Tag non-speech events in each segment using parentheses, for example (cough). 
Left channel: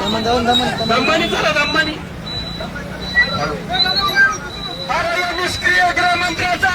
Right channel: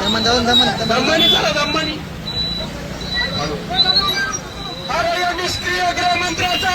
दमन दमन दमन दमन दमन निष्क्रिय गृहमंत्र्याचा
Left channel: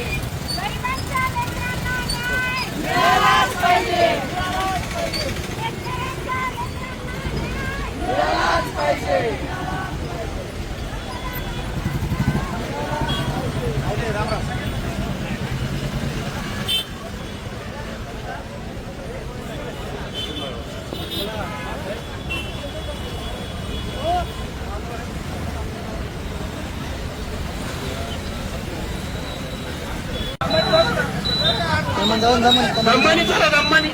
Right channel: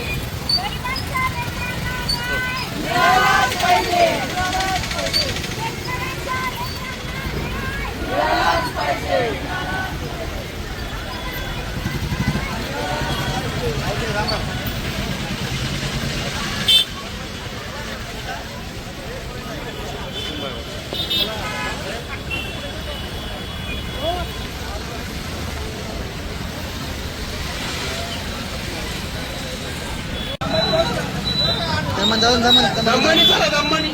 teman teman teman teman teman itu lah teman ni.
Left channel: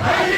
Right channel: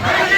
Amen. (laughs)